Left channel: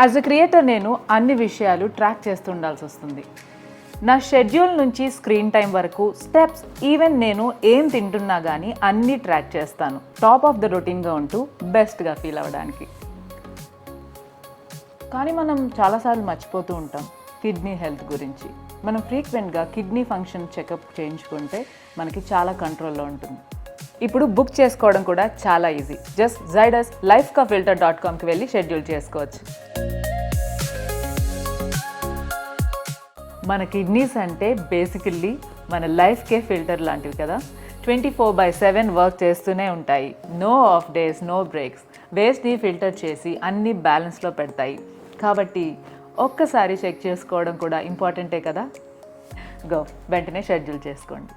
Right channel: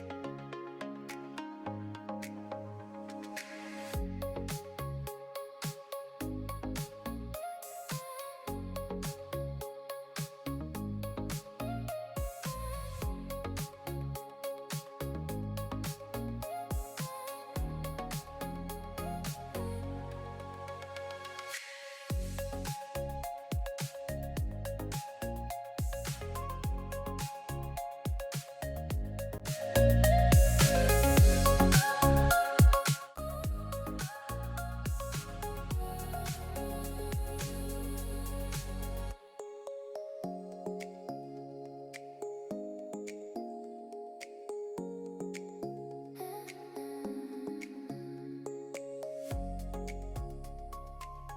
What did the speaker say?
As a creator నేను అన్ని విషయాలు ట్రాక్ చేస్తూ ఉండాల్సి వస్తుంది. నా షెడ్యూల్ నుంచి స్క్రీన్ టైం వరకు స్టెప్స్, ఈవెన్ నేను ఏం తింటున్నా కానీ అన్నీ ట్రాక్ చేస్తాను, టాప్ ఆఫ్ ద రొటీన్గా ఉంటూ బెస్ట్గా ఫీల్ అవ్వడానికి. కానీ మనం చాలాసార్లు మర్చిపోతూ ఉంటాం కిడ్నీ హెల్త్ గురించి. మనం ఫ్రీక్వెంట్గా కిడ్నీ ఫంక్షన్ చెకప్ చేయించుకుంటే మనకి చాలా కంట్రోల్లో ఉంటుంది. ఇప్పుడు బుక్ చేసుకోవడం కూడా చాలా ఈజీ. జస్ట్ జైడస్ lifekafilter.comకి వెళ్ళి షెడ్యూల్ చేసుకోవచ్చు. మన కిడ్నీస్ అంటే బేసికల్లీ మన లైఫ్కే ఫిల్టర్ లాంటివి కదా. 24/7 వర్క్ చేస్తూనే ఉంటాయి. No off days, no breaks. వేస్ట్ని ఫిల్టర్ చేసి అన్ని బ్యాలెన్స్లో పెడతాయి. కాబట్టి ఒక్కసారి చెక్ చేసుకోవడం కూడా ఇంపార్టెంటే కదా. వెంటనే షెడ్యూల్ చేసుకోండి.